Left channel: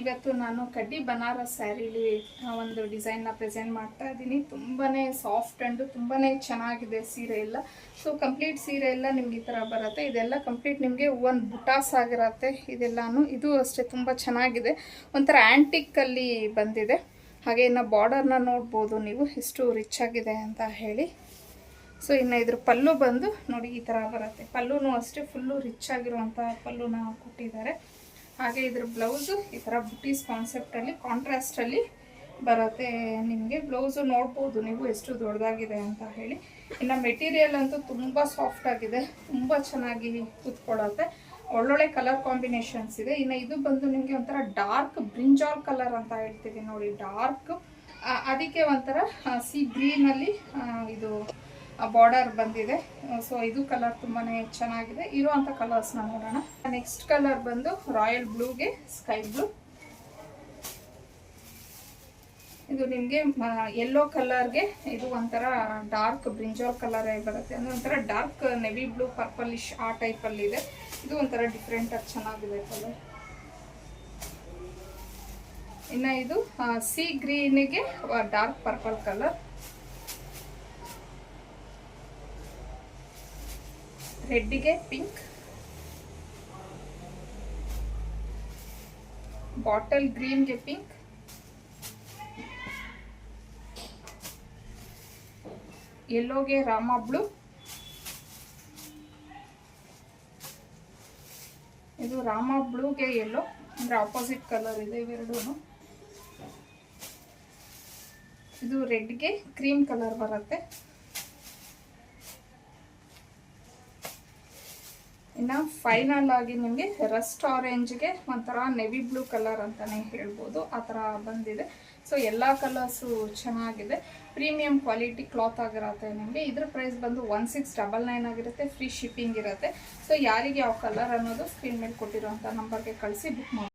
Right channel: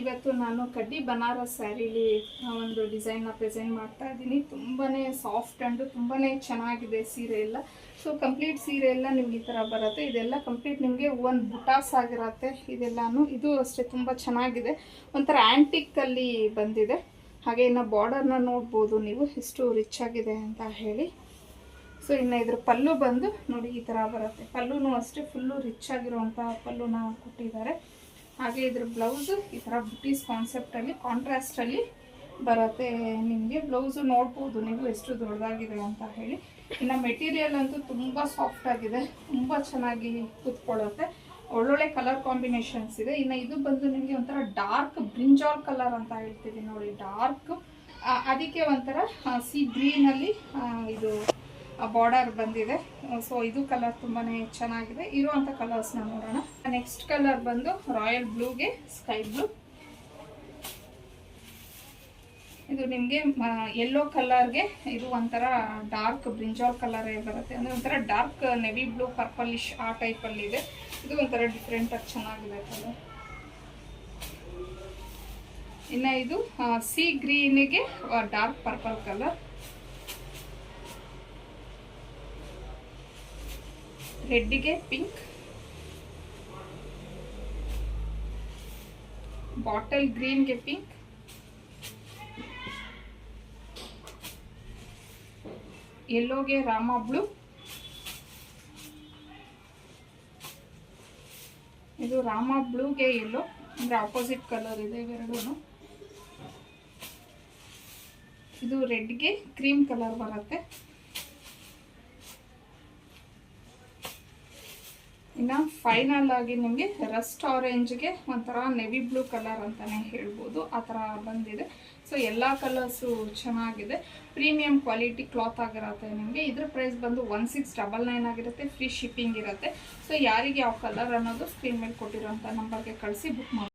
ಇವತ್ತು ನಾನು ಕಡ್ಡಿ ಬನಾರಸ್ ಸ್ಯಾರಿಲಿ ಒಂದು ಡಿಸೈನ್ನ ಪ್ರೆಸೆಂಟ್ ಮಾಡ್ತಾ ಇದ್ದೀನಿ. ತುಂಬಾ ಸಾಫ್ಟ್ ಆ್ಯಂಡ್ ತುಂಬಾ ಚೆನ್ನಾಗಿದೆ ಸೀರೆ ಎಲ್ಲ. ಸೊ ಕಂಪ್ಲೀಟ್ ಸೀರೆ ಎಲ್ಲ ನಿಮ್ಗೆ ಈ ಥರ ಬರುತ್ತೆ. ಇದೆಲ್ಲ ಕಂಪ್ಲೀಟ್ ನಿಮಗೆ ಒಂದು ಬುಟಾಸ್ ಆಗಿರುತ್ತೆ ಇದೆಲ್ಲನೂ. ಇದು ಅಷ್ಟೇ ತುಂಬ ಚೆನ್ನಾಗಿದೆ, ಒಂಥರ ಆ್ಯಂಟಿಕ್ಕಲ್ಲಿ ಬಂದಿದೆ. ಹಾಗೆ ಇನ್ನು ಬಾರ್ಡರ್ನ ನೋಡ್ಬೋದು ನೀವು ಎಷ್ಟು ರಿಚ್ ಆಗಿದೆ ಅಂತ ಹೇಳಿ. ಸೊ ಇನ್ನು ಇದ್ರ ಪಲ್ಲು ಬಂದು ನೋಡಿ ಈ ಥರ ಬರುತ್ತೆ. ಪಲ್ಲುನೂ ಅಷ್ಟೇ ಫುಲ್ಲು ರಿಚ್ ಆಗಿರುವಂಥ ಪಲ್ಲುನ ಕೊಟ್ಟಿದ್ದಾರೆ. ಹಾಗೆ ಇದ್ರ ಬ್ಲೌಸು ಈ ಥರ ಬುಟೀಸ್ ಕಾನ್ಸೆಪ್ಟಲ್ಲಿ ಕಾಂಟ್ರಾಸ್ಟಲ್ಲಿ ಬರುತ್ತೆ. ನಿಮಗೆ ಬ್ಲೌಸು ನೋಡ್ಬೋದು ನೀವು ಎಷ್ಟು ದೊಡ್ಡದಾಗಿದೆ ಅಂತ ಹೇಳಿ. ಇನ್ನು ಮೆಟೀರಿಯಲ್ ಅಂತೂ ತುಂಬ ಸಾಫ್ಟ್ ಆಗಿದೆ, ತುಂಬ ಚೆನ್ನಾಗಿ ಕೂತ್ಕೊಳ್ಳುತ್ತೆ. ಒಳ್ಳೊಳ್ಳೆ ಕಲರ್ ಕಾಂಬಿನೇಷನ್ಸ್ ಇದೆ. ಇನ್ನು ಇದು ಬಂದು ನಿಮಗೆ ಒಂಥರ ಡಾರ್ಕ್ ಬ್ರಿಂಜಾಲ್ ಕಲರ್ ಅಂತ ಹೇಳ್ತೀವಿ ನೋಡಿ, ಡಾರ್ಕ್. ಅದಕ್ಕೆ ಒಂಥರ ಸಿ ಗ್ರೀನಲ್ಲಿ ಇದು ಬಾರ್ಡರ್ ಬಂದಿದೆ. ಸೊ ಇದು ಕಲರ್ ತುಂಬಾ ಚೆನ್ನಾಗಿದೆ. ಇರುವಂಥ ಕಲರ್ಸ್ನ ನೋಡೋಣ. ನೆಕ್ಸ್ಟ್ ಕಲರ್ ಬಂದು ರಾಯಲ್ ಬ್ಲೂಗೆ ಸ್ಕೈ ಬ್ಲೂ. ಇದು ನಿಮಗೆ ಯೆಲ್ಲೋ ಕಲರ್ಗೆ ಇದು ಒಂಥರ ಡಾರ್ಕ್ ಬ್ರಿಂಜಾಲ್ ಕಲರೇ ಬರುತ್ತೆ. ಅಂದರೆ ಒಂಥರ ಡಾರ್ಕ್ ನೆವಿ ಬ್ಲೂ ಪರ್ಪಲಿಶ್ ಆ ಟೈಪಲ್ಲಿ ಇದೆ. ಇದು ಒಂಥರ ಡಿಫ್ರೆಂಟಾಗಿ ಚೆನ್ನಾಗಿದೆ ಕಲರ್. ಇನ್ನು ಇದು ಸಿ ಗ್ರೀನಿಗೆ ಡಾರ್ಕ್ ಪರ್ಪಲ್ ಕಲರ್. ರೆಡ್ಡಿಗೆ ಪಿಂಕ್, ಬಾಟಲ್ ಗ್ರೀನ್ಗೆ ಪಿಂಕ್, ಯೆಲ್ಲೋಗೆ ರಾಮ ಬ್ಲೂ, ಇದು ರಾಮ ಬ್ಲೂಗೆ ಯೆಲ್ಲೋ, ಅಂದರೆ ಆಪೋಸಿಟ್ ಕಲರ್ ಇದೆ ಇವೆರಡೂ. ಇದು ರೆಡ್ಗೆ ಕ್ರೀಮ್ ಕಲರ್ ಬರುತ್ತೆ. ಇನ್ನು ಫೈನಲ್ ಆಗಿ ನಿಮಗೆ ರಸ್ಟ್ ಆರೆಂಜ್ಗೆ ಒಂಥರ ನೆವಿ ಬ್ಲೂ ಕಲರ್ ಅಂತಲೇ ಹೇಳ್ಬೋದು, ಆ ಥರ ಬಂದಿದೆ. ಸೊ ಎಲ್ಲ ಕಲರ್ಸು ಚೆನ್ನಾಗಿದೆ. ಪ್ರೀಮಿಯಂ ಕ್ವಾಲಿಟಿ ಕ್ಲಾತ್ ಆಗಿರುತ್ತೆ ನಿಮಗೆ. ಇದ್ರ ಪ್ರೈಸ್ ಬಂದು 1699 ಆಗಿರುತ್ತೆ. ಫ್ರೀ ಶಿಪ್ಪಿಂಗ್ ಇರುತ್ತೆ. ಸೊ ಯಾರಿಗೆ ಯಾವ ಕಲರ್ ಅನ್ನೋದು ಸ್ಕ್ರೀನ್ ಮೇಲೆ ಕೊಟ್ಟಿರೋಂಥ ನಂಬರ್ಗೆ ಕಳಿಸಿ ಬುಕ್ ಮಾಡಿ.